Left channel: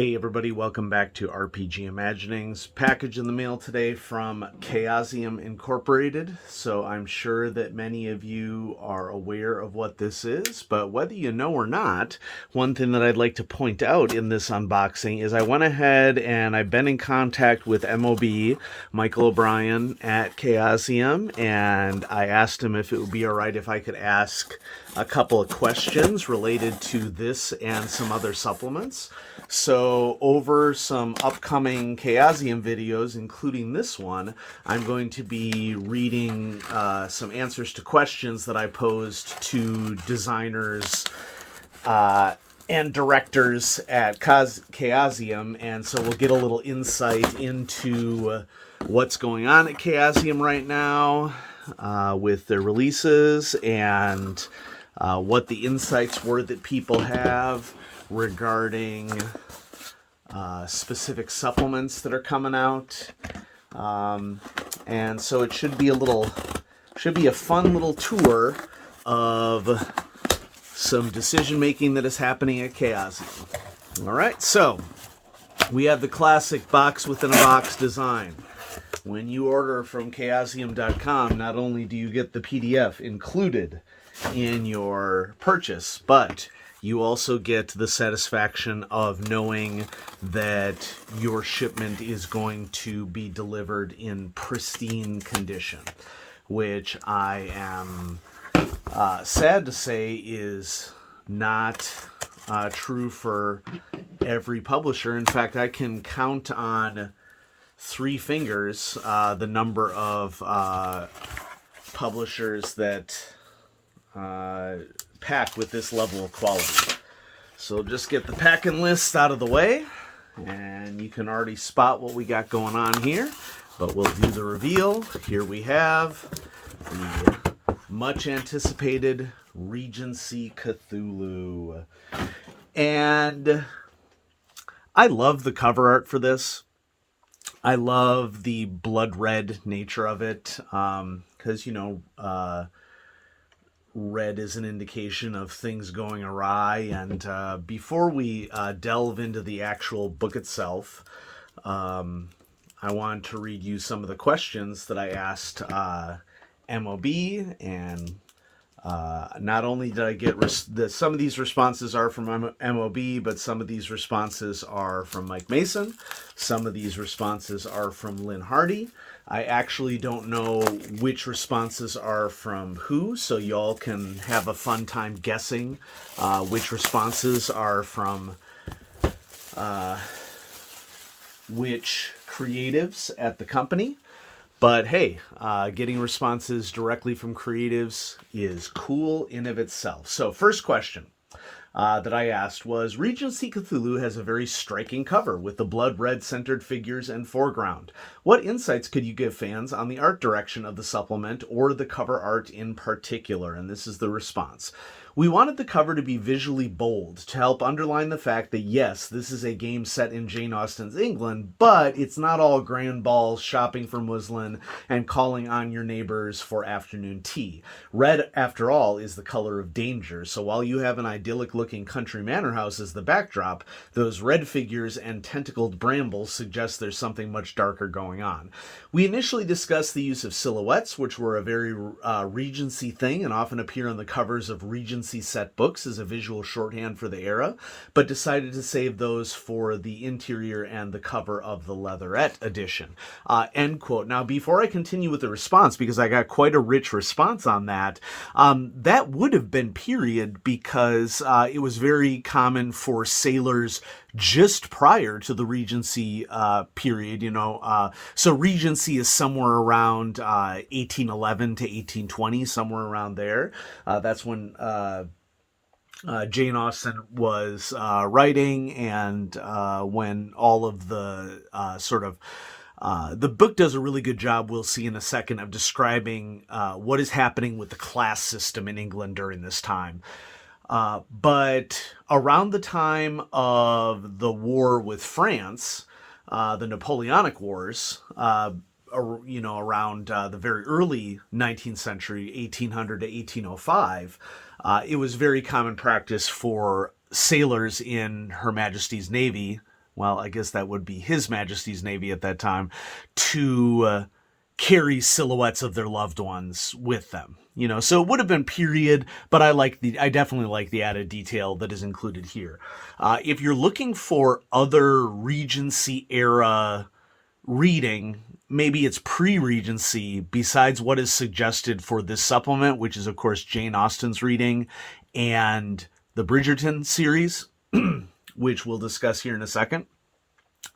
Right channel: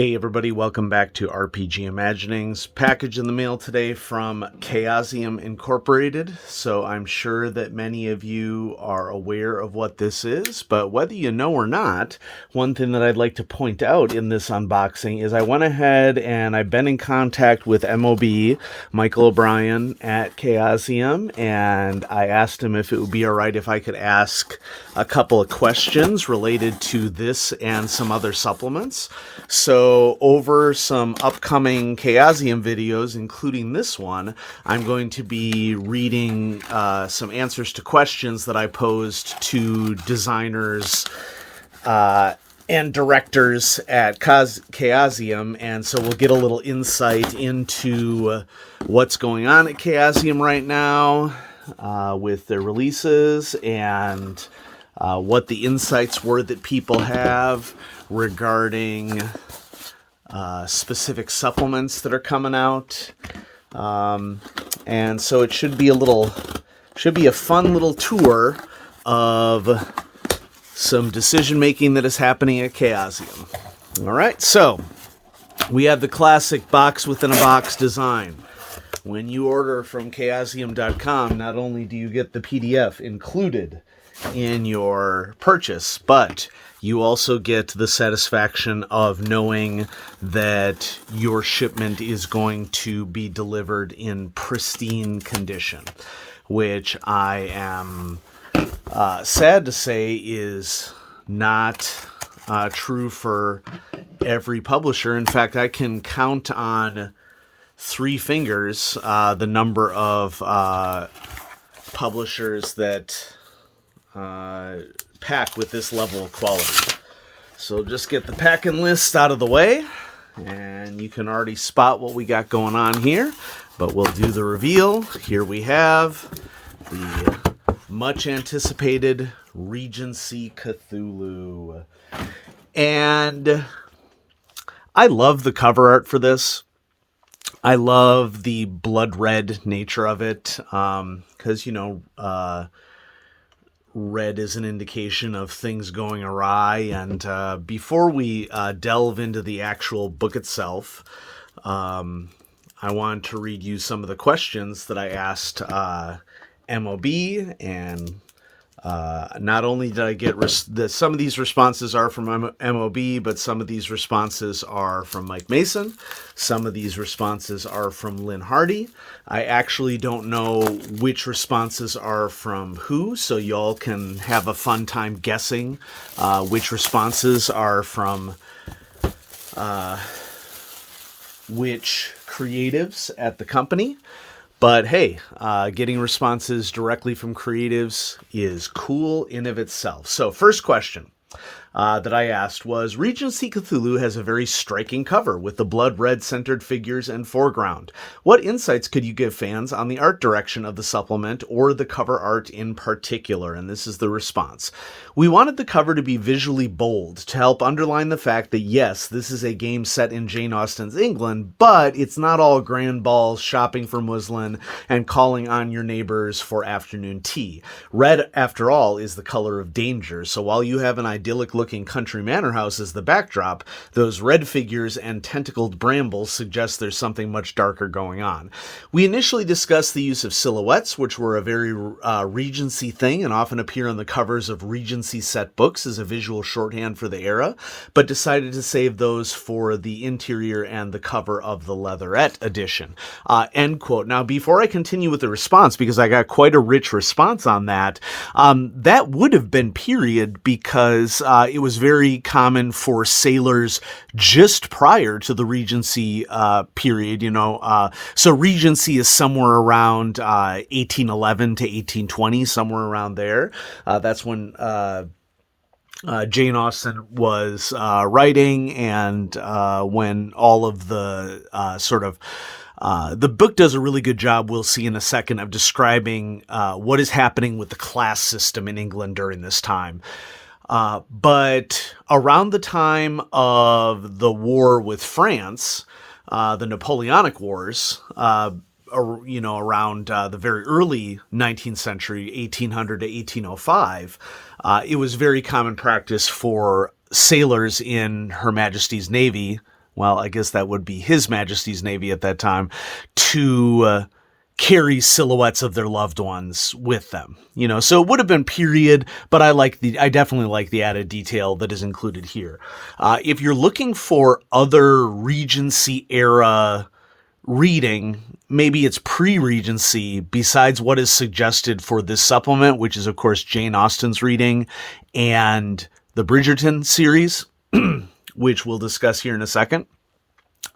Hey everybody, welcome back to RPG Imaginings. Package in the mail today from Chaosium Incorporated. So I'm sure that many of you are aware of what this is, but whether you know or not, one thing that I'd like to point out in this unboxing is I went ahead and I've been in contact with MOB, Michael O'Brien at Chaosium, and I asked him if it would be all right if I could ask a couple of questions related to this and some other supplements. So over some upcoming Chaosium videos, including this one, I'm going to be reading some answers to questions that I posed to designers and directors at Chaosium, and so we'll get a little insight into what's going on at Chaosium right now with their releases and what the insights were that people have regarding specific supplements that are coming out. And so it should be a fun little tour of some decision making that is happening at Chaosium. All right, so we have the classic box within a box design. When you order from chaosium.com, not only do you get the PDF included in your purchase, but you also get the satisfaction of knowing that your shipment is going to be delivered in pristine condition, which I am sad to say is not true for every publisher. In fact, I can count on 3 fingers the number of publishers that pack with this level of quality. So just get the packing list out of the way, and you can already spot what we got going on here, but we'll do the reveal. Here we have the much anticipated Regency Cthulhu. And I love the cover art for this. I love the blood red nature of it, because, red is an indication of things going awry. And before we delve into the actual book itself, I want to read you some of the questions that I asked MOB, and not only did I get some of these responses are from MOB, but some of these responses are from Mike Mason. Some of these responses are from Lynn Hardy. I actually don't know which responses are from who, so y'all can have a fun time guessing which responses are from which creatives at the company. But hey, getting responses directly from creatives is cool in of itself. So first question that I asked was, Regency Cthulhu has a very striking cover with the blood red centered figures and foreground. What insights could you give fans on the art direction of the supplement or the cover art in particular? And this is the response. We wanted the cover to be visually bold to help underline the fact that yes, this is a game set in Jane Austen's England, but it's not all grand balls, shopping for muslin, and calling on your neighbors for afternoon tea. Red, after all, is the color of danger, so while you have an idyllic looking country manor house as the backdrop, those red figures and tentacled brambles suggest there's something much darker going on. We initially discussed the use of silhouettes, which were a very Regency thing and often appear on the covers of Regency set books as a visual shorthand for the era, but decided to save those for the interior and the cover of the leatherette edition. End quote. Now, before I continue with the response, because I got quite a rich response on that, that would have been period because it was very common for sailors just prior to the Regency period, so Regency is somewhere around 1811 to 1820, somewhere around there. That's when Jane Austen was writing, and when all of the the book does a really good job, we'll see in a second, of describing what is happening with the class system in England during this time. But around the time of the war with France, the Napoleonic Wars, around the very early 19th century, 1800 to 1805, it was very common practice for sailors in Her Majesty's Navy, well, I guess that would be His Majesty's Navy at that time, to carry silhouettes of their loved ones with them. So it would have been period, but I definitely like the added detail that is included here. If you're looking for other Regency era reading, maybe it's pre-Regency, besides what is suggested for this supplement, which is of course Jane Austen's reading and the Bridgerton series, which we'll discuss here in a second.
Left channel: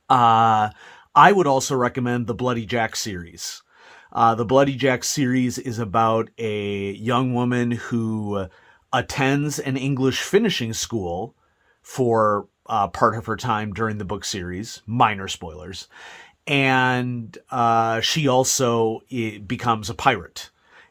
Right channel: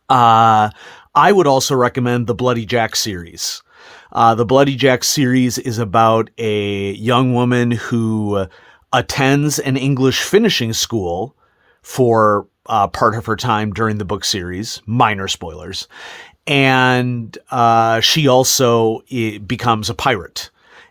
I would also recommend the Bloody Jack series. The Bloody Jack series is about a young woman who attends an English finishing school for part of her time during the book series. Minor spoilers. And she also becomes a pirate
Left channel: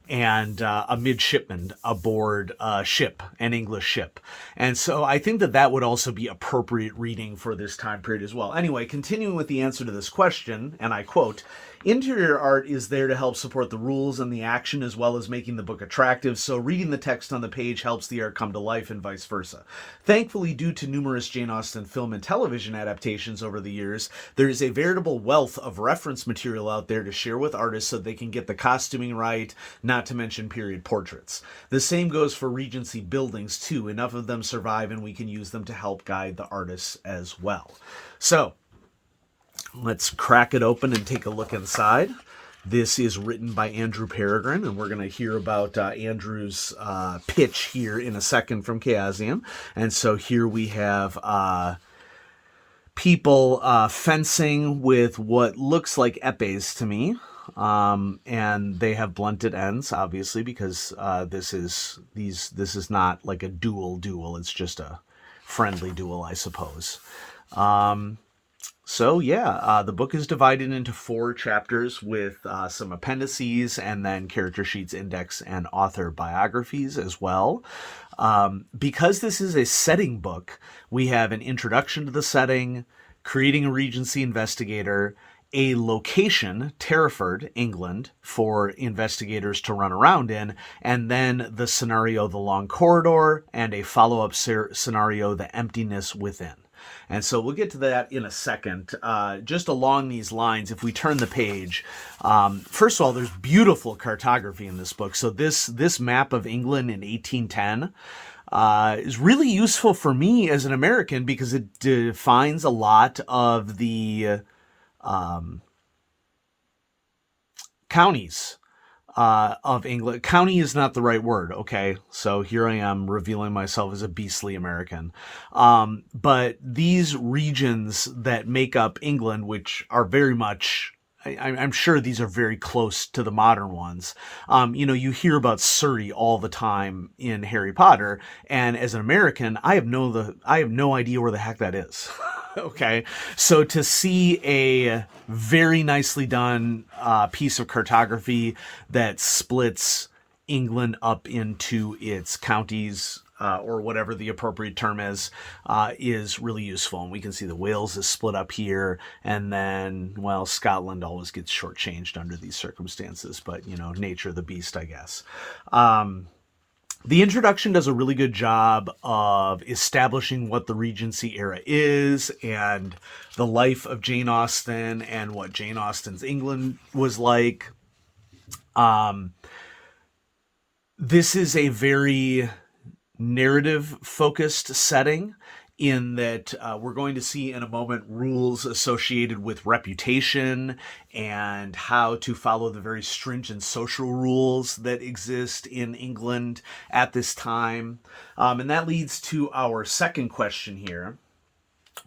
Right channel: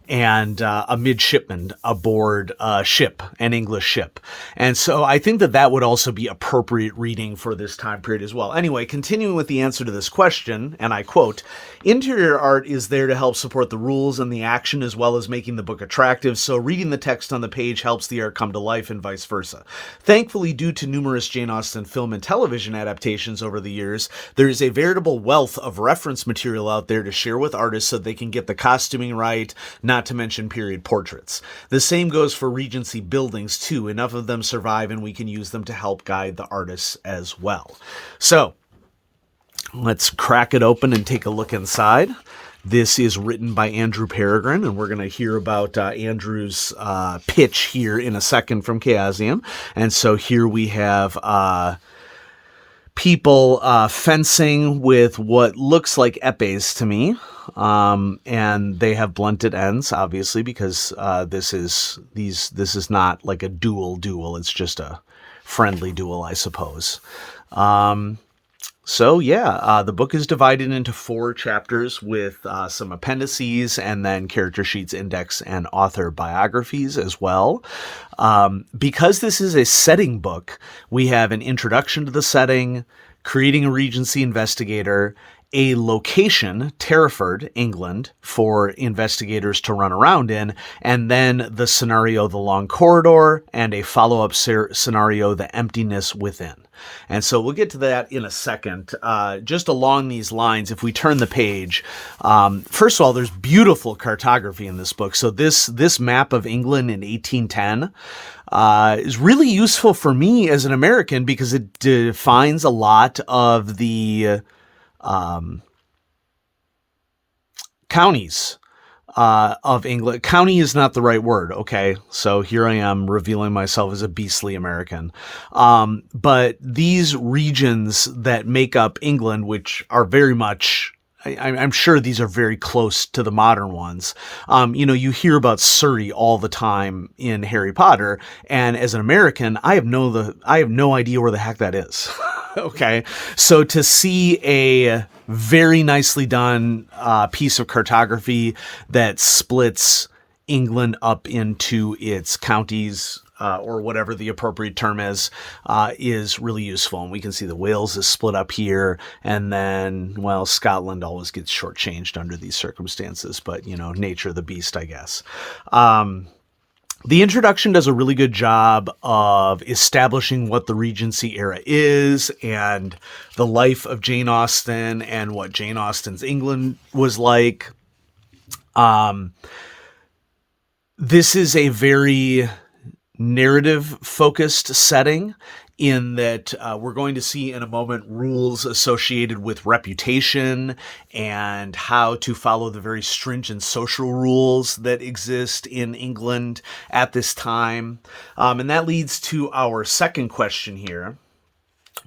and a midshipman aboard a ship, an English ship. And so I think that would also be appropriate reading for this time period as well. Anyway, continuing with the answer to this question, and I quote, interior art is there to help support the rules and the action as well as making the book attractive, so reading the text on the page helps the art come to life and vice versa. Thankfully, due to numerous Jane Austen film and television adaptations over the years, there is a veritable wealth of reference material out there to share with artists so they can get the costuming right, not to mention period portraits. The same goes for Regency buildings too. Enough of them survive and we can use them to help guide the artists as well. So let's crack it open and take a look inside. This is written by Andrew Peregrine, and we're going to hear about Andrew's pitch here in a second from Chaosium. And so here we have people fencing with what looks like epées to me. And they have blunted ends, obviously, because this is not like a duel. It's just a friendly duel, I suppose. So yeah, the book is divided into 4 chapters with some appendices and then character sheets, index, and author biographies as well. Because this is a setting book, we have an introduction to the setting, creating a Regency investigator, a location, Terraford, England, for investigators to run around in, and then the scenario, the long corridor, and a follow-up scenario, the emptiness within. And so we'll get to that in a second. Just along these lines, if we turn the page, first of all, there's beautiful cartography in this book. So this map of England in 1810 is really useful for me as an American because it defines a lot of the counties of England. County is not the right word, okay? So here I am revealing myself as a beastly American. But these regions that make up England, which are very much, I'm sure these are very close to the modern ones. You hear about Surrey all the time in Harry Potter, and as an American, I have no idea where the heck that is. Okay, so to see a very nicely done piece of cartography that splits England up into its counties, or whatever the appropriate term is really useful. And we can see the Wales is split up here, and then, well, Scotland always gets shortchanged under these circumstances, but, nature of the beast, I guess. The introduction does a really good job of establishing what the Regency era is and the life of Jane Austen and what Jane Austen's England was like. This is a very narrative-focused setting in that we're going to see in a moment rules associated with reputation and how to follow the very stringent social rules that exist in England at this time. And that leads to our second question here.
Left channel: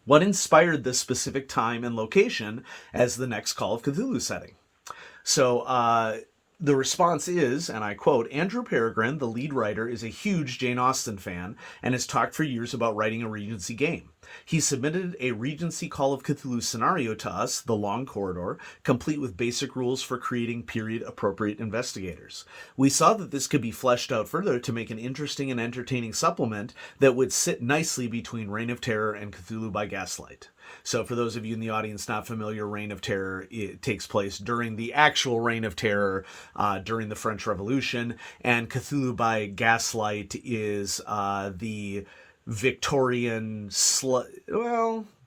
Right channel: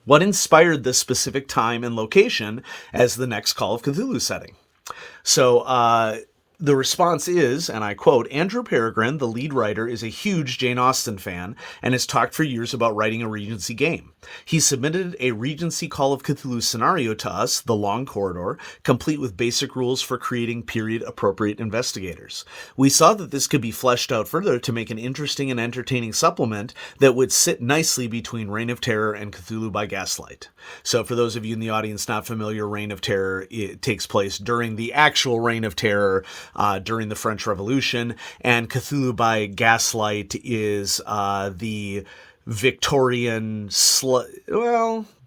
What inspired this specific time and location as the next Call of Cthulhu setting? So, the response is, and I quote, Andrew Peregrine, the lead writer, is a huge Jane Austen fan and has talked for years about writing a Regency game. He submitted a Regency Call of Cthulhu scenario to us, The Long Corridor, complete with basic rules for creating period-appropriate investigators. We saw that this could be fleshed out further to make an interesting and entertaining supplement that would sit nicely between Reign of Terror and Cthulhu by Gaslight. So for those of you in the audience not familiar, Reign of Terror, it takes place during the actual Reign of Terror, during the French Revolution, and Cthulhu by Gaslight is the Victorian,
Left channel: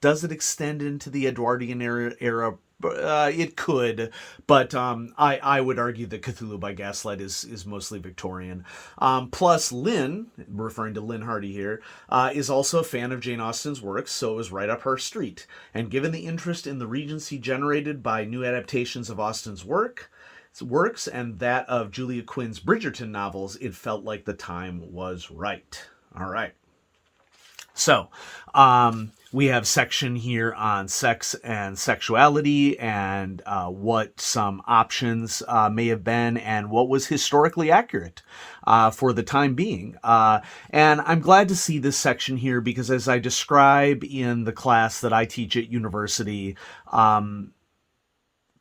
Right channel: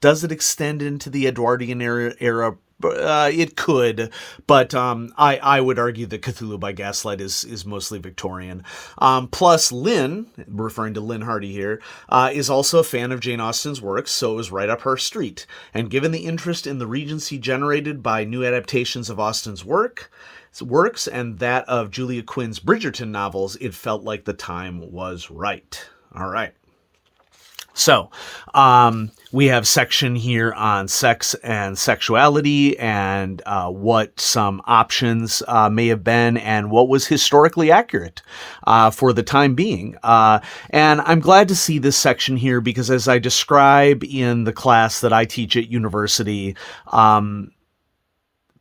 Does it extend into the Edwardian era? It could, but I would argue that Cthulhu by Gaslight is mostly Victorian. Plus, Lynn, referring to Lynn Hardy here, is also a fan of Jane Austen's works, so it was right up her street. And given the interest in the Regency generated by new adaptations of Austen's works and that of Julia Quinn's Bridgerton novels, it felt like the time was right. All right. So, we have section here on sex and sexuality and what some options may have been and what was historically accurate for the time being. And I'm glad to see this section here because as I describe in the class that I teach at university,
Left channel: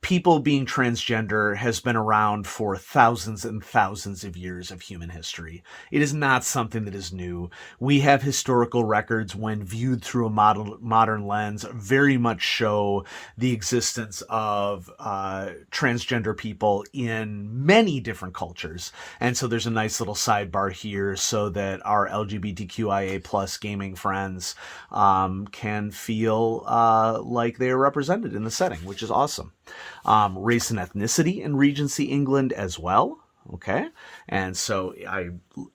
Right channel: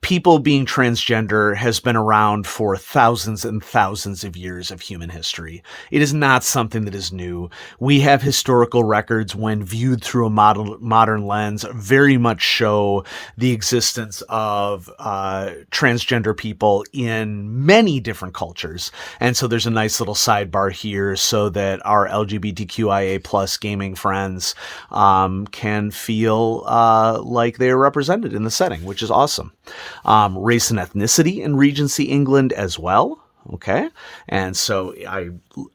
people being transgender has been around for thousands and thousands of years of human history. It is not something that is new. We have historical records when viewed through a modern lens very much show the existence of transgender people in many different cultures. And so there's a nice little sidebar here so that our LGBTQIA plus gaming friends can feel like they are represented in the setting, which is awesome. Race and ethnicity in Regency England as well. Okay. And so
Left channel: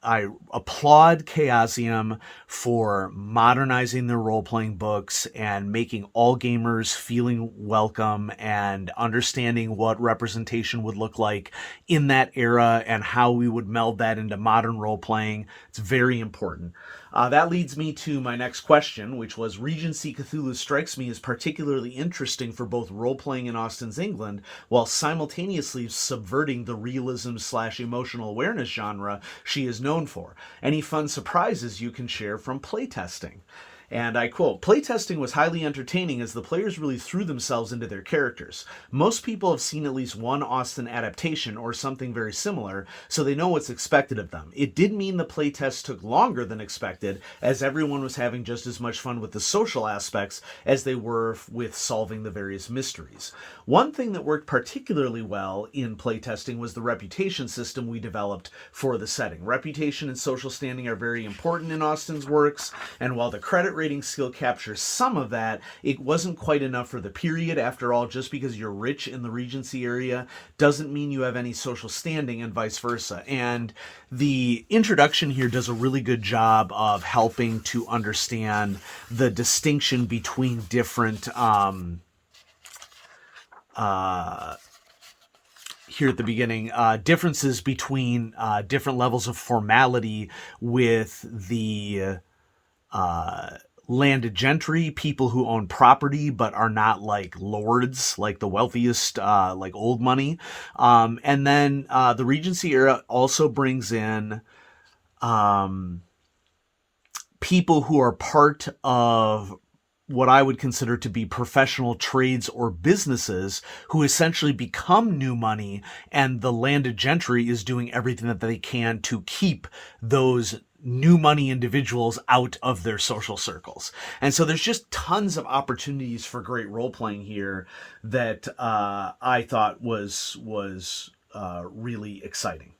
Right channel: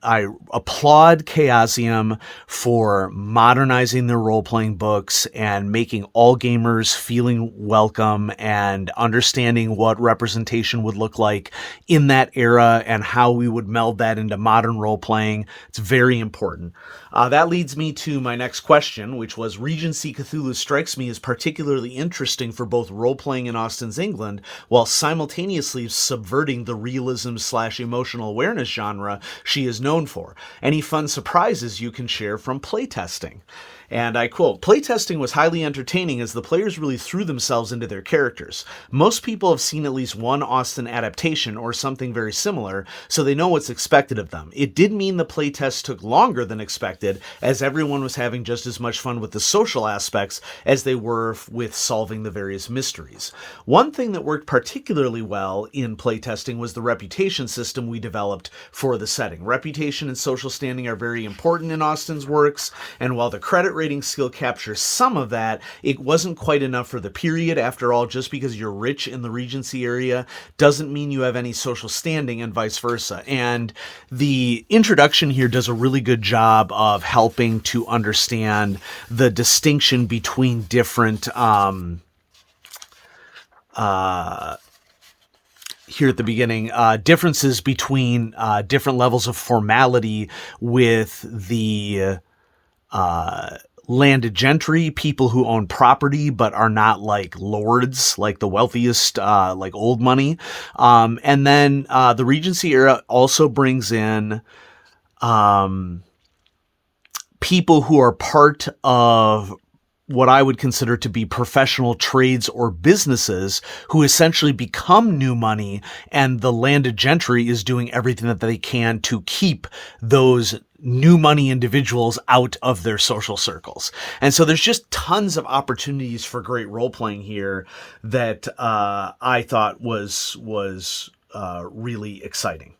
I applaud Chaosium for modernizing their role-playing books and making all gamers feeling welcome and understanding what representation would look like in that era and how we would meld that into modern role-playing. It's very important. That leads me to my next question, which was Regency Cthulhu strikes me as particularly interesting for both role-playing in Austen's England while simultaneously subverting the realism/emotional awareness genre she is known for. Any fun surprises you can share from playtesting? And I quote, "Playtesting was highly entertaining as the players really threw themselves into their characters. Most people have seen at least one Austen adaptation or something very similar, so they know what's expected of them. It did mean the playtest took longer than expected, as everyone was having just as much fun with the social aspects as they were with solving the various mysteries. One thing that worked particularly well in playtesting was the reputation system we developed for the setting. Reputation and social standing are very important in Austen's works, and while the credit rating skill captures some of that, it wasn't quite enough for the period. After all, just because you're rich in the Regency area doesn't mean you have any social standing and vice versa." And the introduction here does a really good job of helping to understand the distinction between different here at the beginning, differences between different levels of formality with the landed gentry, people who own property but are not like lords, like the wealthiest, like old money. And then the Regency era also brings in people who are part of what I would consider to be professional trades or businesses who essentially become new money, and the landed gentry is doing everything that they can to keep those new money individuals out of their social circles. And so there's just tons of opportunities for great role-playing here that I thought was really exciting.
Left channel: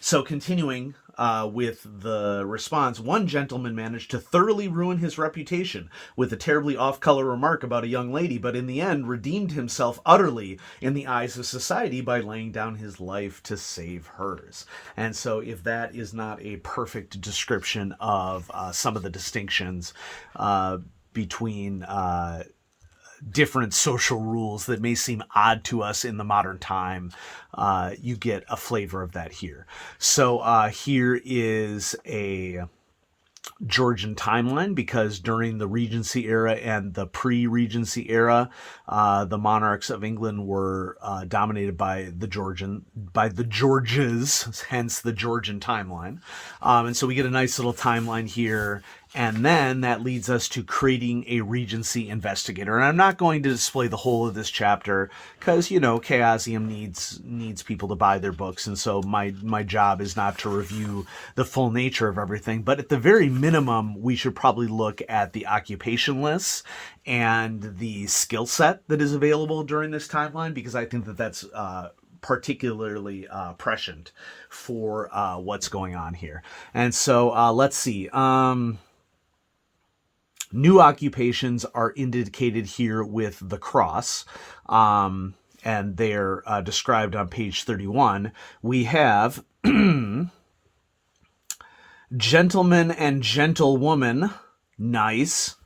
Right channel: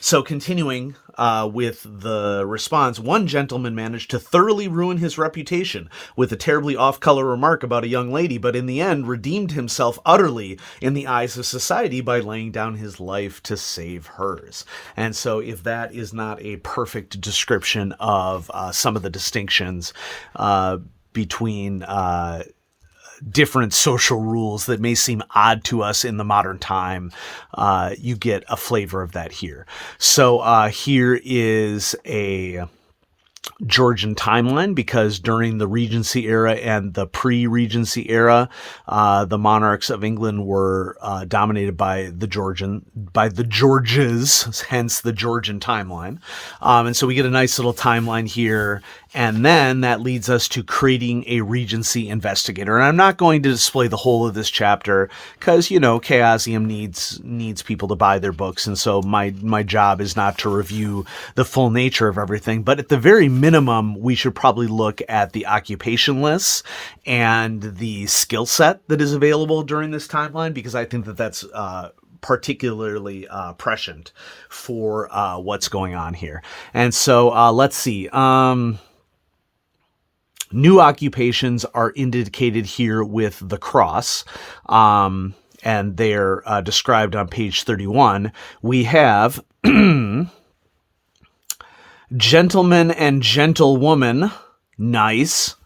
So continuing with the response, one gentleman managed to thoroughly ruin his reputation with a terribly off-color remark about a young lady, but in the end redeemed himself utterly in the eyes of society by laying down his life to save hers. And so if that is not a perfect description of some of the distinctions between different social rules that may seem odd to us in the modern time, you get a flavor of that here. So here is a Georgian timeline, because during the Regency era and the pre-Regency era, the monarchs of England were dominated by the Georges, hence the Georgian timeline. And so we get a nice little timeline here. And then that leads us to creating a Regency investigator. And I'm not going to display the whole of this chapter because, you know, Chaosium needs people to buy their books. And so my job is not to review the full nature of everything. But at the very minimum, we should probably look at the occupation lists and the skill set that is available during this timeline, because I think that that's particularly prescient for what's going on here. And so let's see. New occupations are indicated here with the cross, and they're described on page 31. We have gentleman and gentlewoman, nice.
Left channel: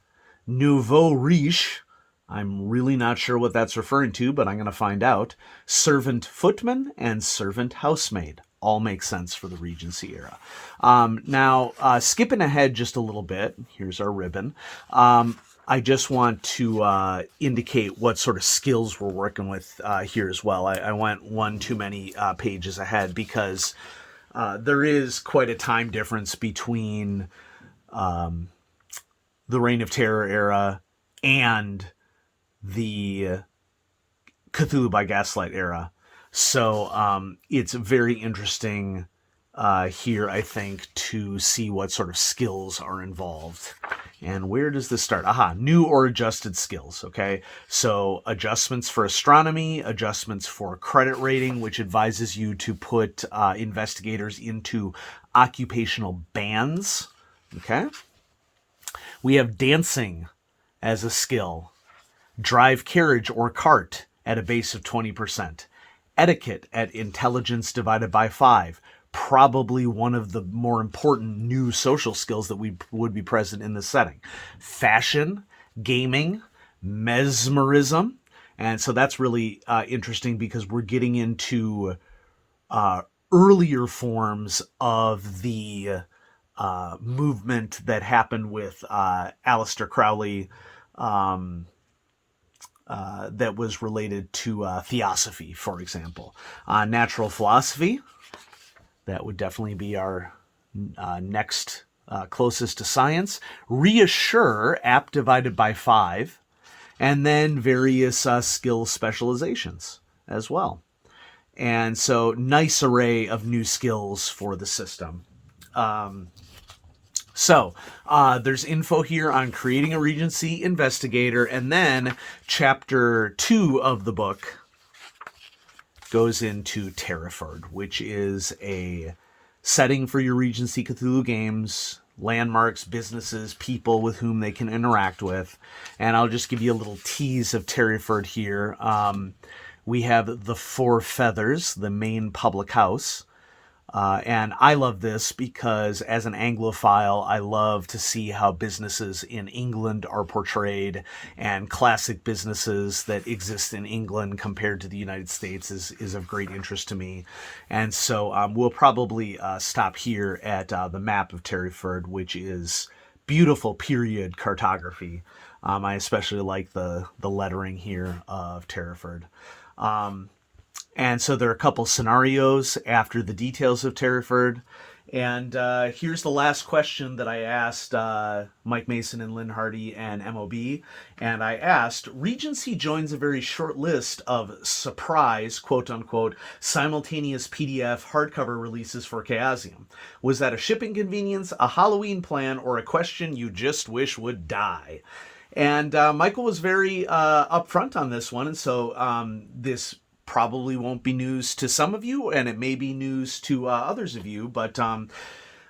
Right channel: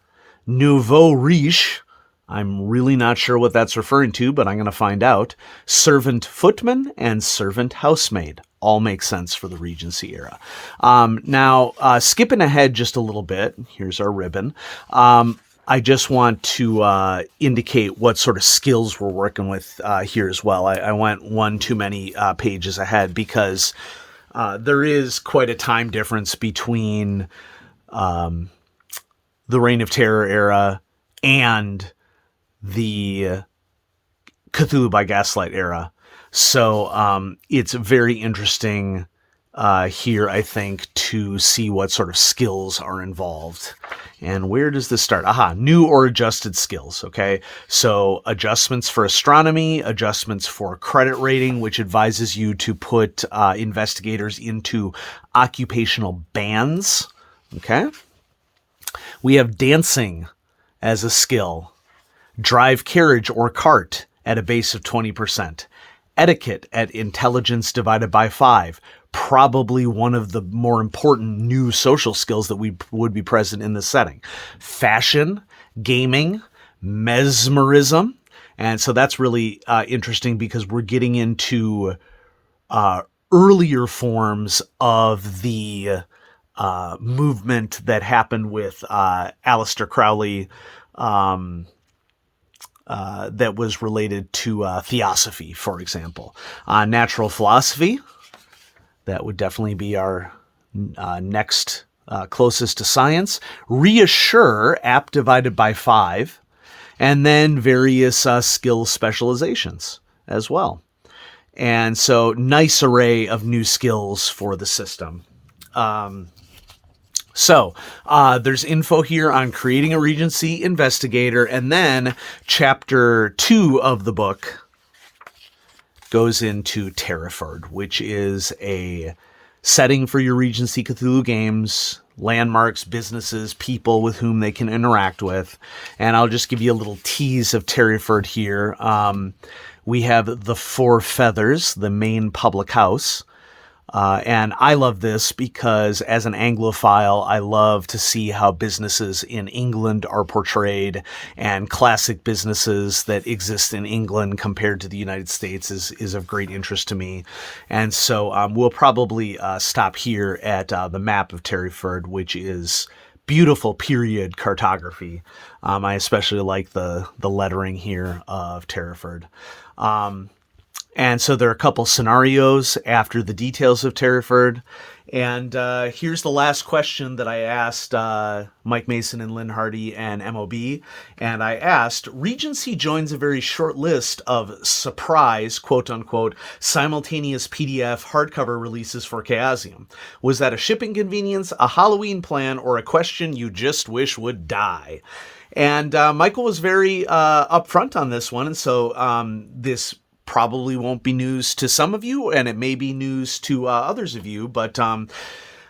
Nouveau riche, I'm really not sure what that's referring to, but I'm going to find out. Servant footman and servant housemaid all make sense for the Regency era. Now, skipping ahead just a little bit, here's our ribbon. I just want to indicate what sort of skills we're working with here as well. I went one too many pages ahead because there is quite a time difference between the Reign of Terror era and the Cthulhu by Gaslight era. So it's very interesting here, I think, to see what sort of skills are involved. And where does this start? Aha, new or adjusted skills. Okay, so adjustments for astronomy, adjustments for credit rating, which advises you to put investigators into occupational bands. Okay, we have dancing as a skill, drive carriage or cart at a base of 20%, etiquette at intelligence divided by 5, probably one of the more important new social skills that would be present in this setting, fashion, gaming, mesmerism. And so that's really interesting because we're getting into earlier forms of the movement that happened with Aleister Crowley, that was related to theosophy, for example. Natural philosophy, that would definitely be our next closest to science. Reassure, apt divided by 5, and then various skill specializations as well. And so nice array of new skills for the system. So there's info here on creating a Regency investigator, and then chapter 2 of the book goes into Terraford, which is a setting for your Regency Cthulhu games, landmarks, businesses, people with whom they can interact with. And I'll just give you a little tease of Terraford here. We have the Four Feathers, the main public house. And I love this because as an Anglophile, I love to see how businesses in England are portrayed, and classic businesses that exist in England compared to the United States is of great interest to me. And so we'll probably stop here at the map of Terraford, which is beautiful period cartography. I especially like the lettering here of Terraford. And so there are a couple scenarios after the details of Terraford. And here's the last question that I asked Mike Mason and Lynn Hardy and MOB. And I asked, Regency joins a very short list of surprise, quote unquote, simultaneous PDF hardcover releases for Chaosium. Was that a shipping convenience, a Halloween plan, or a question you just wish would die? And Michael was very upfront on this one. And so this probably won't be news to some of you, and it may be news to others of you, but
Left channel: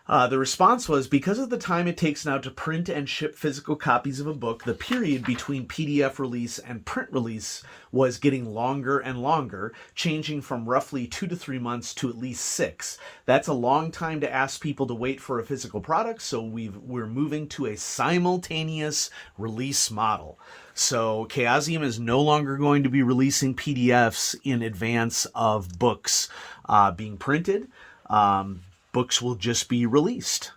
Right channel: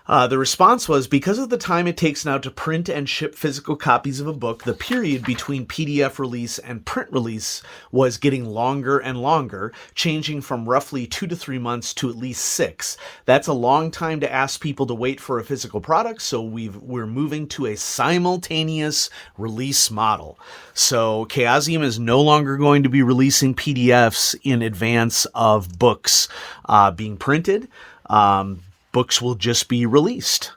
the response was, because of the time it takes now to print and ship physical copies of a book, the period between PDF release and print release was getting longer and longer, changing from roughly 2 to 3 months to at least 6. That's a long time to ask people to wait for a physical product, so we're moving to a simultaneous release model. So Chaosium is no longer going to be releasing PDFs in advance of books being printed. Books will just be released.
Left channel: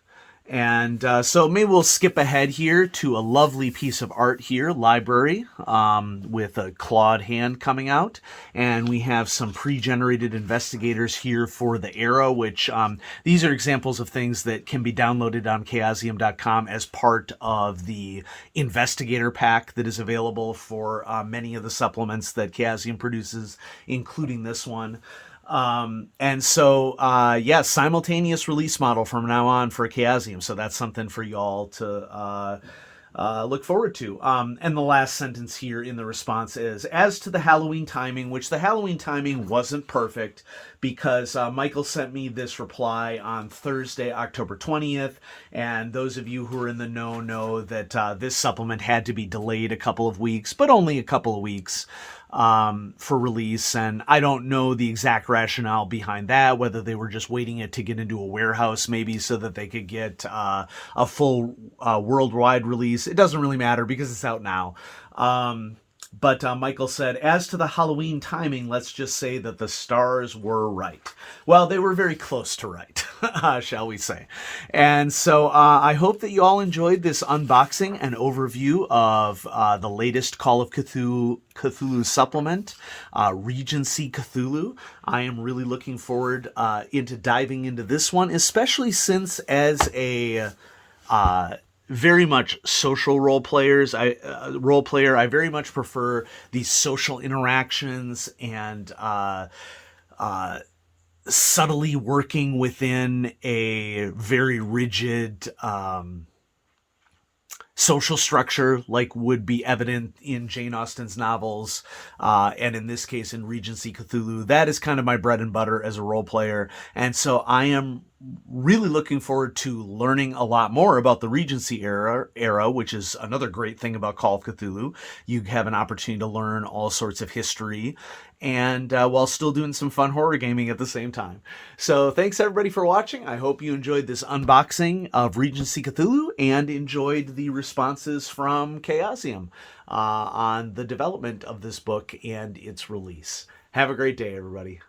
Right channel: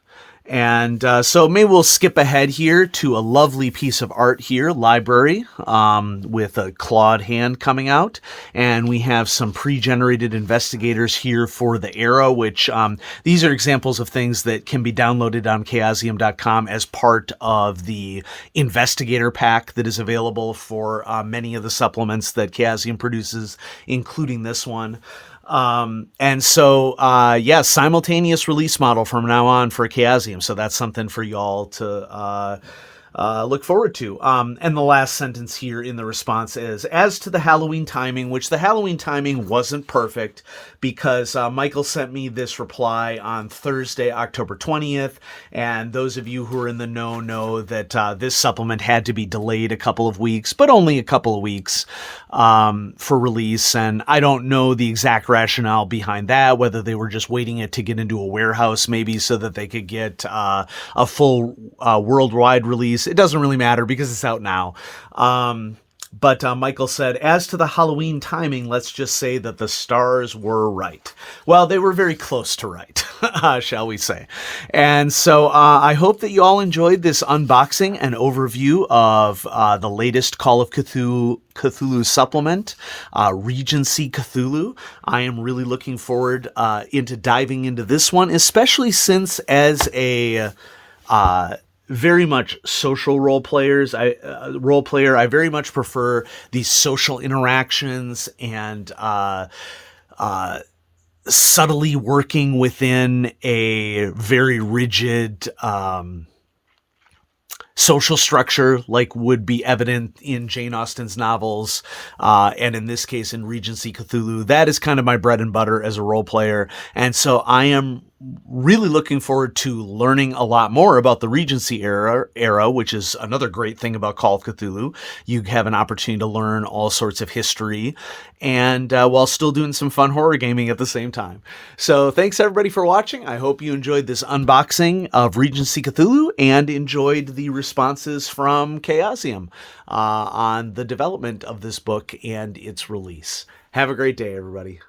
And so maybe we'll skip ahead here to a lovely piece of art here, library, with a clawed hand coming out. And we have some pre-generated investigators here for the era, which these are examples of things that can be downloaded on chaosium.com as part of the investigator pack that is available for many of the supplements that Chaosium produces, including this one. And so, simultaneous release model from now on for Chaosium. So that's something for y'all to look forward to. And the last sentence here in the response is, as to the Halloween timing, which the Halloween timing wasn't perfect because Michael sent me this reply on Thursday, October 20th. And those of you who are in the know that this supplement had to be delayed a couple of weeks, but only a couple of weeks for release. And I don't know the exact rationale behind that, whether they were just waiting it to get into a warehouse maybe so that they could get a full worldwide release. It doesn't really matter because it's out now. But Michael said, as to the Halloween timing, let's just say that the stars were right. Well, they were very close to right, shall we say. And so I hope that you all enjoyed this unboxing and overview of the latest Call of Cthulhu supplement, Regency Cthulhu. I am really looking forward into diving into this one, especially since as a very much social role player, I very much prefer these social interactions and subtly working within a very rigid social structure like would be evident in Jane Austen's novels, and in this case in Regency Cthulhu. That is kind of my bread and butter as a role player, and so I am really looking forward to learning a lot more about the Regency era, which is another great thing about Call of Cthulhu. You have an opportunity to learn all sorts of history, and while still doing some fun horror gaming at the same time. So thanks everybody for watching. I hope you enjoyed this unboxing of Regency Cthulhu and enjoyed the responses from Chaosium on the development of this book and its release. Have a great day, everybody.